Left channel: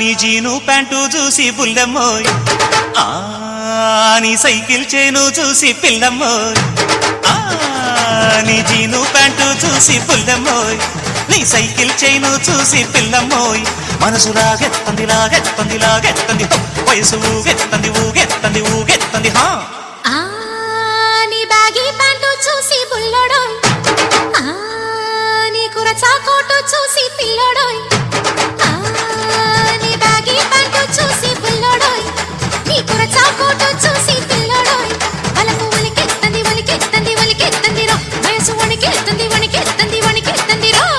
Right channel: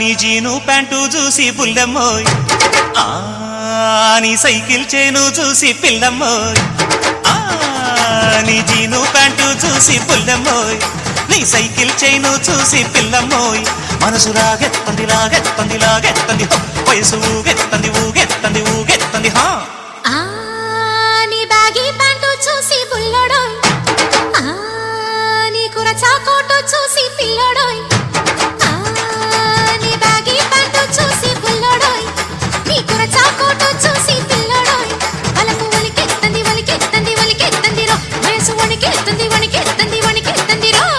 నీ జీను ప్యాంటు చూసి పుల్లమ్మోయ్, నీ సైకిల్ చైను చూసి పిల్లమ్మోయ్, నీ జీను ప్యాంటు చూసి పుల్లమ్మోయ్, నీ సైకిల్ చైను చూసి పిల్లమ్మోయ్. మనసు లాగెత్తంది లాగెత్తంది లాగెత్తంది, వయసు ఊగెత్తంది ఊగెత్తంది ఊగెత్తంది. నీ బ్యాగీ ప్యాంటు చూసి పుల్లడోయ్, నీ కురచా కోటు చూసి పిల్లడోయ్, నీ బ్యాగీ ప్యాంటు చూసి పుల్లడోయ్, నీ కురచా కోటు చూసి పిల్లడోయ్. అలకెత్తంది వలికెత్తంది వలికెత్తంది రో, వయసు వణికెత్తంది వణికెత్తంది వణికెత్తంది రో.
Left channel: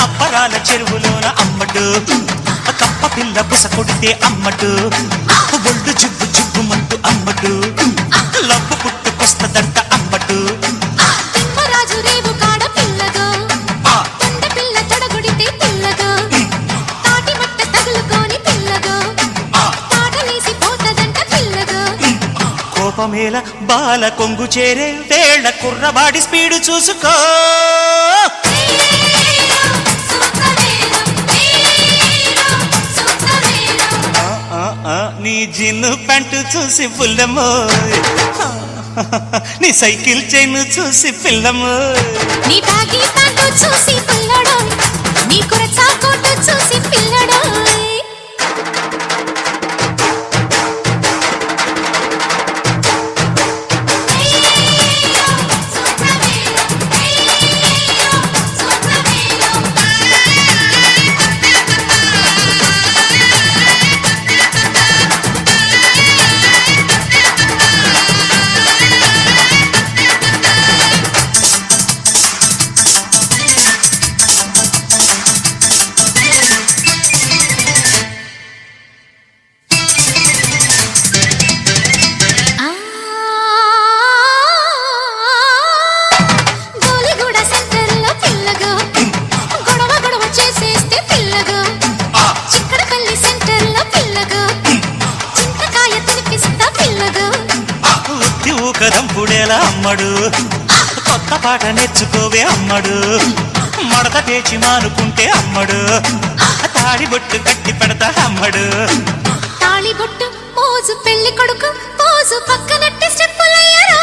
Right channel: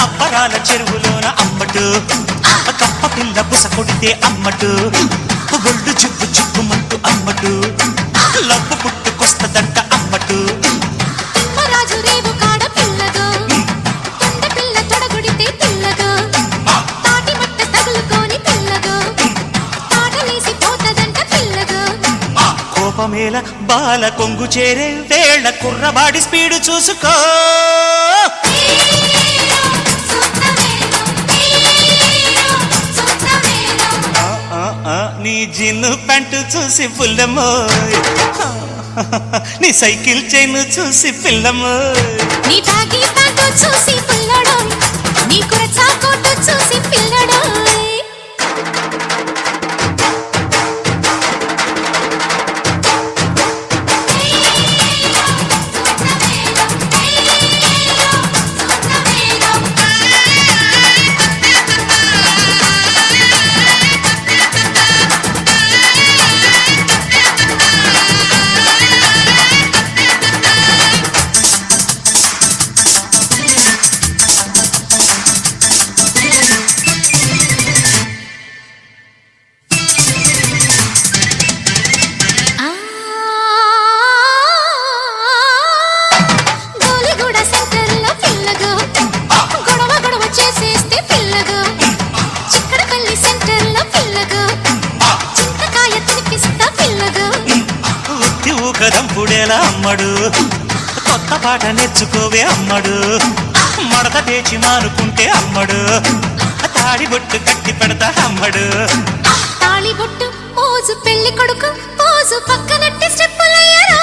అప్పరాల చెరువులోన అమ్మడు, కప్ప పిల్ల బుస కొడితే అమ్మడు, గుళ్ళు చిప్పు చిప్పు ముందు అమ్మడు, లబ్బు పుట్టి కుస్తుందంట అమ్మడు. రాజు రేవు కాడ పిల్లడు, కొండ పిల్ల తొడగుడితే తిన్నడు, తోటి మట్ట తగులుకొని పిల్లడు, తాటలేసి పోతదంట పిల్లడు. కోపమేల బాల కొంగు చేరే వేళ కుర్రవాడి స్పీడు చూసుకో. నీ జిన్ను పెంటు చూసి పుల్లమ్మోయ్, నీ సైకిల్ చైను చూసి పిల్లమ్మోయ్, నీ బాగీ ప్యాంటు చూసి పిల్లడోయ్, నీ కురచా కోటు చూసి పిల్లడోయ్. దంపుడేలా అమ్మడు, కొత్త పాట నేర్చుకోవే అమ్మడు, మడత పేచి మానుకుంటే అమ్మడు, తాళి బొట్టు కట్టి పెడతా అమ్మడు. తాళి బొట్టు మోజు పెళ్లి కొడుకు మోజు పక్కనట్టి స్టెప్పులయ్యారా.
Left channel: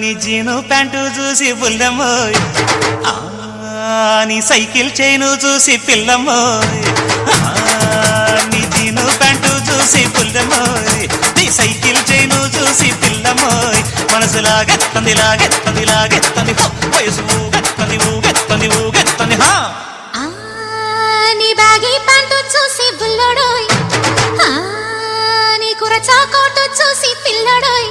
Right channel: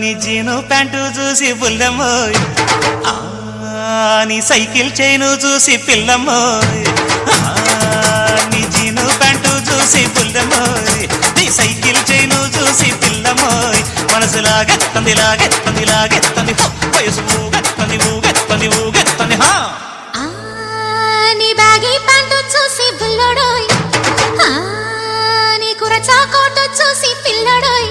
నీ జీను ప్యాంటు చూసి పుల్లమ్మోయ్, నీ సైకిల్ చైను చూసి పిల్లమ్మోయ్, నీ జీను ప్యాంటు చూసి పుల్లమ్మోయ్, నీ సైకిల్ చైను చూసి పిల్లమ్మోయ్. మనసు లాగెత్తంది లాగెత్తంది లాగెత్తంది, వయసు ఊగెత్తంది ఊగెత్తంది ఊగెత్తంది. నీ బ్యాగీ ప్యాంటు చూసి పిల్లడోయ్, నీ కురచా కోటు చూసి పిల్లడోయ్,